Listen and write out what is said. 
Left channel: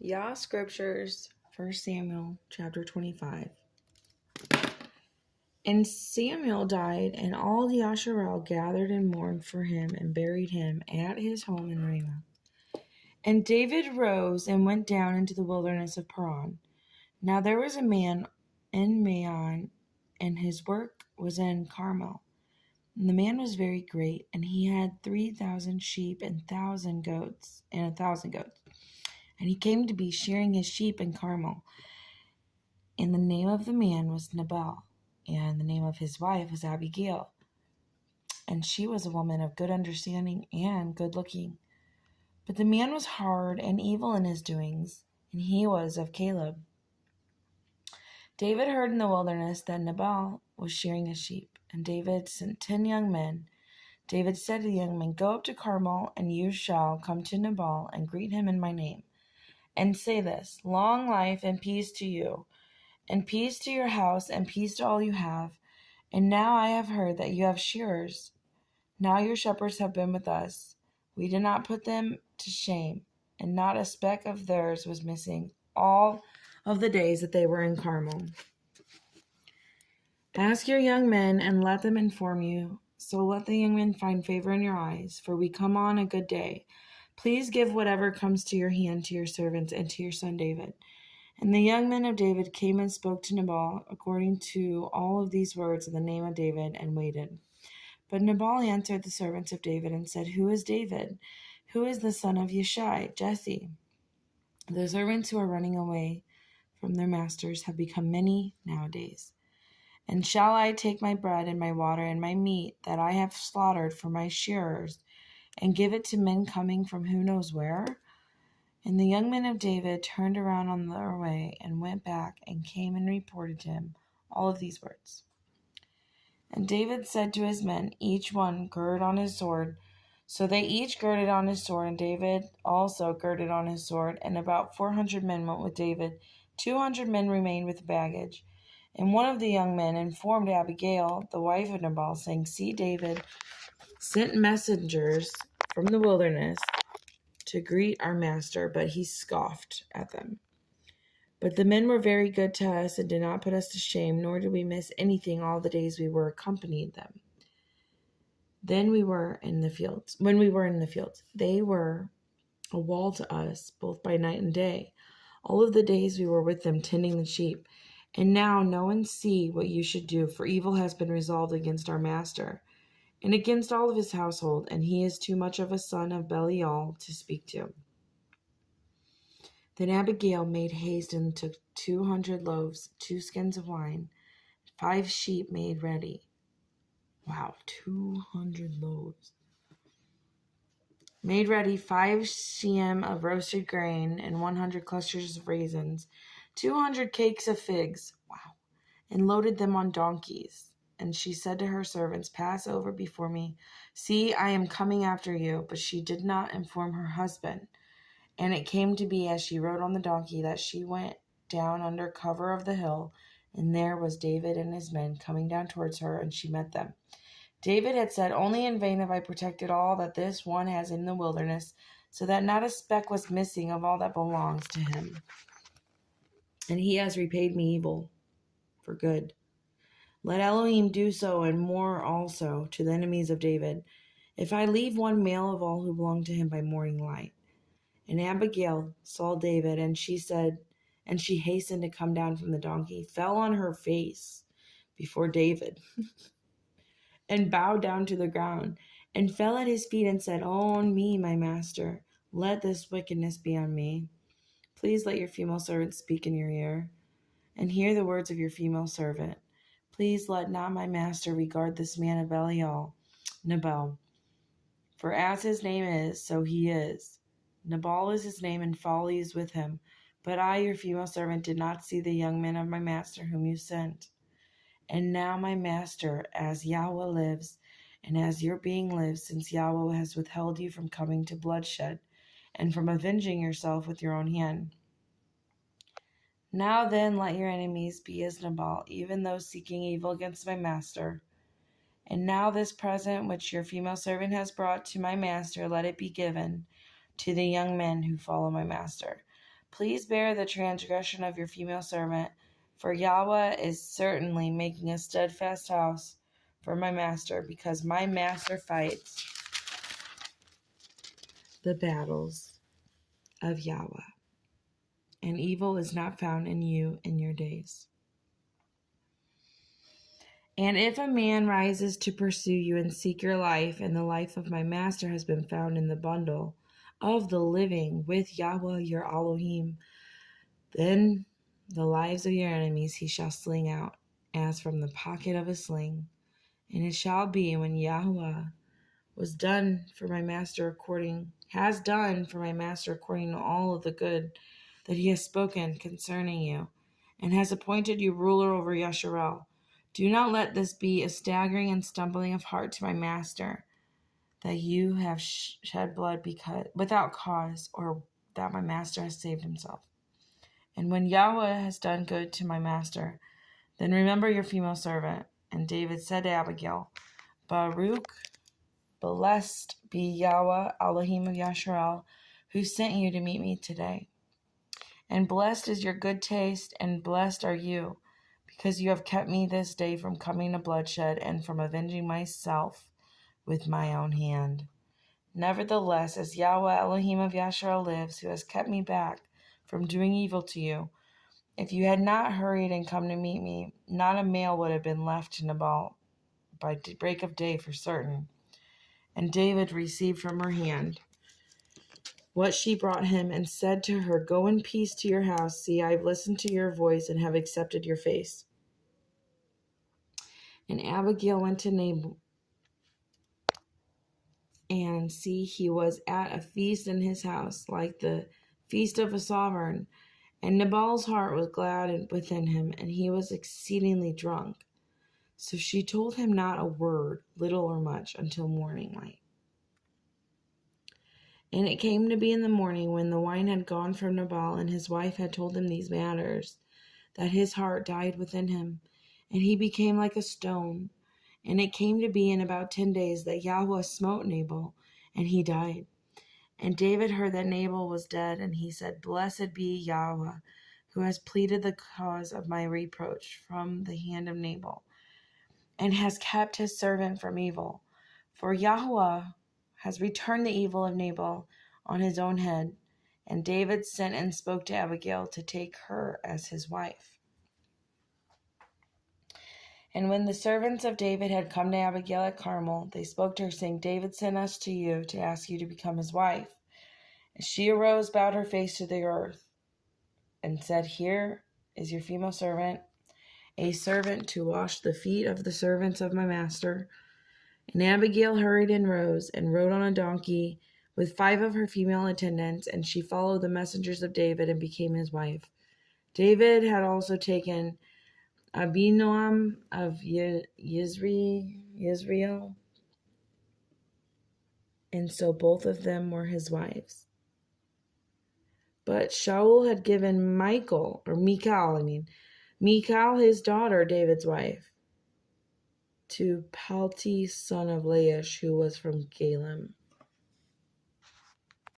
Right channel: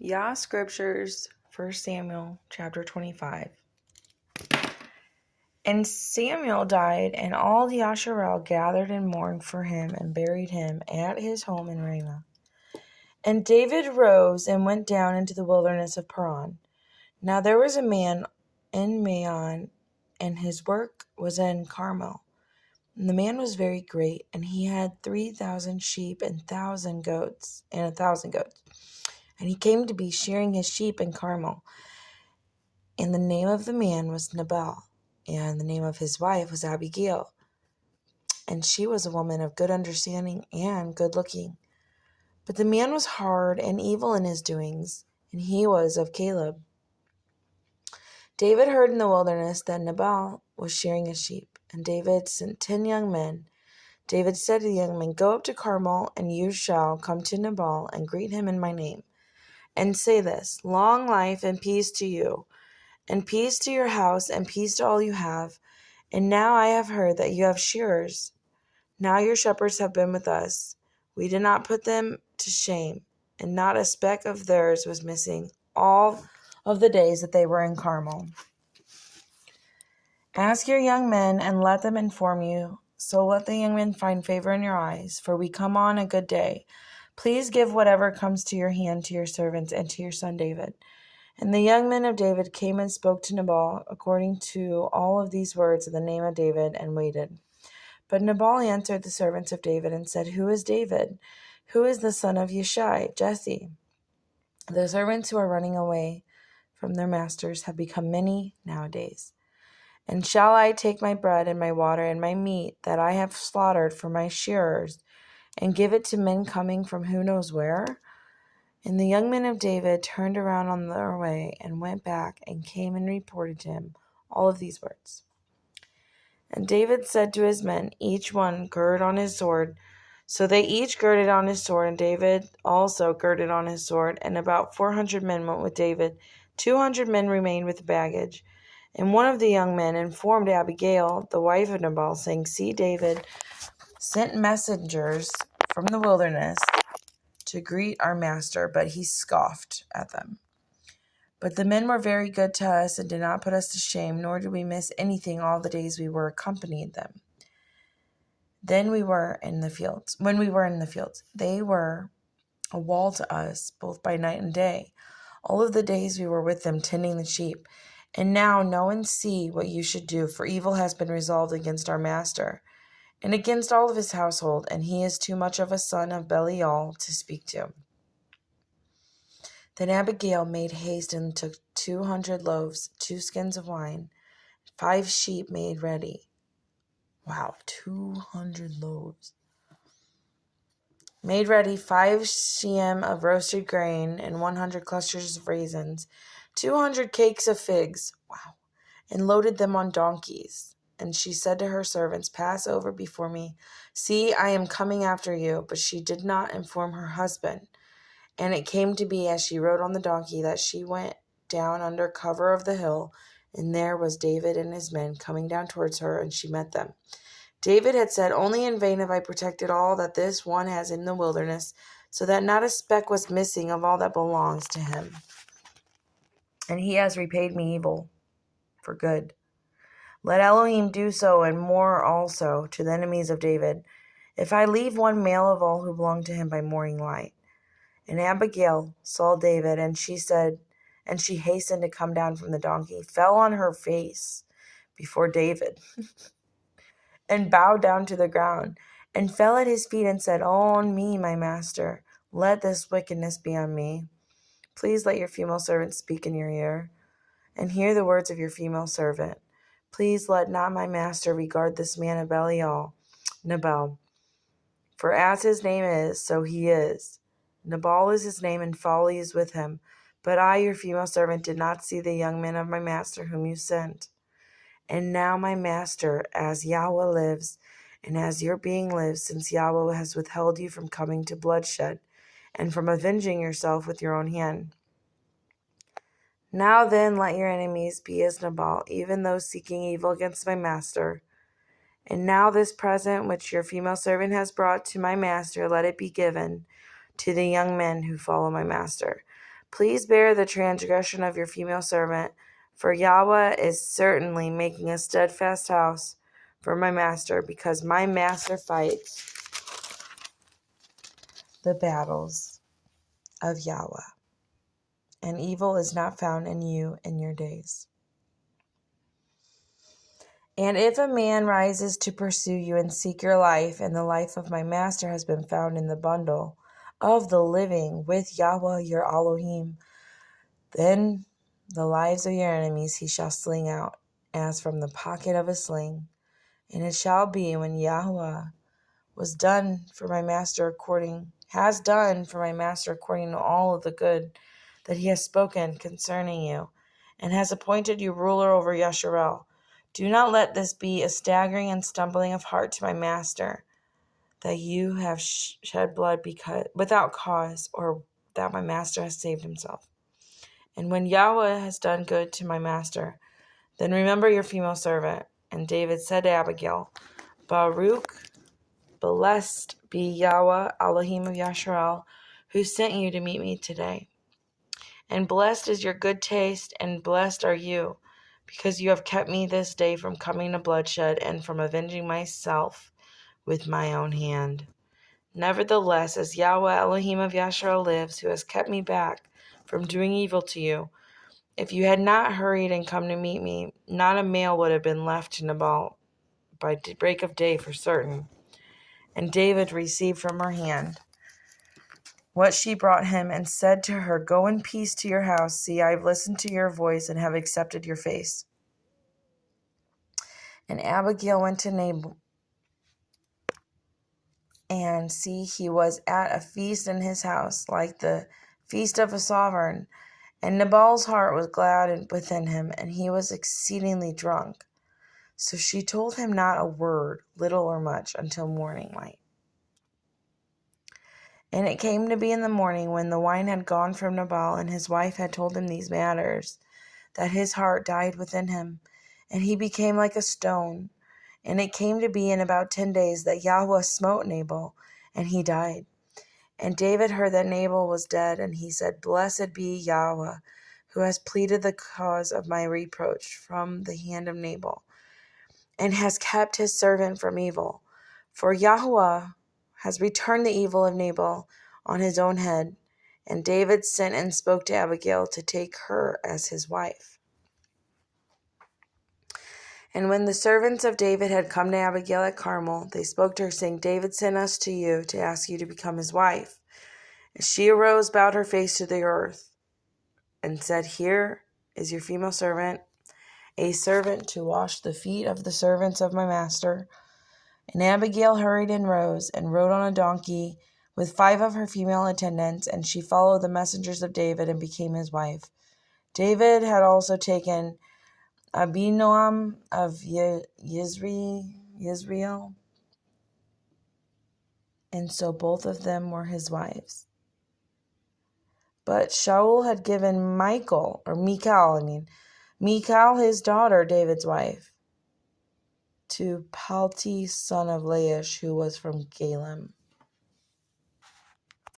Yah Scriptures, 1 Samuel chapter 25. And Samuel died, and all the Yasharel gathered and mourned for him and buried him at his home in Ramah. And David rose and went down into the wilderness of Paran. Now there was a man in Maon, and his work was in Carmel. And the man was very great, and he had 3,000 sheep and 1,000 goats, And he came to be shearing his sheep in Carmel. And the name of the man was Nabal, and the name of his wife was Abigail. And she was a woman of good understanding and good looking. But the man was hard and evil in his doings, and he was of Caleb. David heard in the wilderness that Nabal was shearing his sheep, and David sent 10 young men. David said to the young men, "Go up to Carmel, and you shall come to Nabal and greet him in my name, and say this, 'Long life and peace to you, and peace to your house, and peace to all you have. And now I have heard that you have shearers. Now your shepherds have been with us. We did not put them to shame, and not a speck of theirs was missing all of the days that they were in Carmel. Ask your young men, and let them inform you. So let the young men find favor in your eyes, for we come on a good day. Please give whatever comes to your hand to your servants and to your son David.' And the young men of David came and spoke to Nabal according to all of these words in the name of David, and waited. But Nabal answered the servants of David and said, 'Who is David? Who is the son of Yishai, Jesse?' The servants who are running away from their masters have become many nowadays. And shall I take my bread and my water and my meat that I have slaughtered for my shearers, and give it to men coming from who knows where?' And the young men of David turned around on their way and went back and came and reported to him all of these words. And David said to his men, 'Each one gird on his sword.' So they each girded on his sword, and David also girded on his sword. And about 400 men went with David. 200 men remained with the baggage. And one of the young men informed Abigail, the wife of Nabal, saying, 'See, David sent messengers from the wilderness to greet our master, but he scoffed at them. But the men were very good to us and did not put us to shame, nor did we miss anything all the days we were accompanied them. When we were in the fields, they were a wall to us, both by night and day. All of the days we were with them, tending the sheep. And now know and see what you should do, for evil has been resolved against our master, and against all of his household, and he is too much of a son of Belial to speak to.' Then Abigail made haste and took 200 loaves, 2 skins of wine, 5 sheep made ready." Wow, 200 loaves. "Made ready 5 sheem of roasted grain, and 100 clusters of raisins, 200 cakes of figs." Wow. "And loaded them on donkeys. And she said to her servants, 'Pass over before me. See, I am coming after you.' But she did not inform her husband. And it came to be, as she rode on the donkey, that she went down under cover of the hill, and there was David and his men coming down towards her, and she met them. David had said, 'Only in vain have I protected all that this one has in the wilderness, so that not a speck was missing of all that belongs to him. And he has repaid me evil for good. Let Elohim do so, and more also, to the enemies of David, if I leave one male of all who belong to him by morning light.' And Abigail saw David, and she hastened to come down from the donkey, fell on her face before David, and bowed down to the ground, and fell at his feet and said, 'On me, my master, let this wickedness be on me. Please let your female servant speak in your ear, and hear the words of your female servant. Please let not my master regard this man of Belial, Nabal, for as his name is, so he is. Nabal is his name, and folly is with him. But I, your female servant, did not see the young men of my master whom you sent. And now, my master, as Yahweh lives, and as your being lives, since Yahweh has withheld you from coming to bloodshed, and from avenging yourself with your own hand. Now then, let your enemies be as Nabal, even those seeking evil against my master. And now this present which your female servant has brought to my master, let it be given to the young men who follow my master. Please bear the transgression of your female servant, for Yahweh is certainly making a steadfast house for my master, because my master fights the battles of Yahweh, and evil is not found in you in your days. And if a man rises to pursue you and seek your life, and the life of my master has been found in the bundle of the living with Yahweh your Elohim, then the lives of your enemies he shall sling out, as from the pocket of a sling. And it shall be when Yahweh has done for my master according to all of the good that he has spoken concerning you, and has appointed you ruler over Yasharel. Do not let this be a staggering and stumbling of heart to my master, that you have shed blood without cause, or that my master has saved himself. And when Yahweh has done good to my master, then remember your female servant. And David said to Abigail, Baruch, blessed be Yahweh, Elohim of Yasharel, who sent you to meet me today. And blessed is your good taste, and blessed are you, because you have kept me this day from coming to bloodshed and from avenging myself with my own hand. Nevertheless, as Yahweh Elohim of Yasharel lives, who has kept me back from doing evil to you, if you had not hurried and come to meet me, not a male would have been left to Nabal by break of day for certain. And David received from her hand what she brought him, and said to her, Go in peace to your house. See, I have listened to your voice and have accepted your face. And Abigail went to Nabal, and see, he was at a feast in his house, like the feast of a sovereign. And Nabal's heart was glad within him, and he was exceedingly drunk. So she told him not a word, little or much, until morning light. And it came to be in the morning, when the wine had gone from Nabal, and his wife had told him these matters, that his heart died within him, and he became like a stone. And it came to be in about 10 days that Yahweh smote Nabal, and he died. And David heard that Nabal was dead, and he said, Blessed be Yahweh, who has pleaded the cause of my reproach from the hand of Nabal, and has kept his servant from evil. For Yahweh has returned the evil of Nabal on his own head. And David sent and spoke to Abigail to take her as his wife. And when the servants of David had come to Abigail at Carmel, they spoke to her, saying, David sent us to you to ask you to become his wife. And she arose, bowed her face to the earth, and said, Here is your female servant, a servant to wash the feet of the servants of my master. And Abigail hurried and rose, and rode on a donkey with 5 of her female attendants, and she followed the messengers of David and became his wife. David had also taken Abinoam of Yisrael, and so both of them were his wives. But Shaul had given Michal, his daughter, David's wife, to Palti, son of Laish, who was from Galem.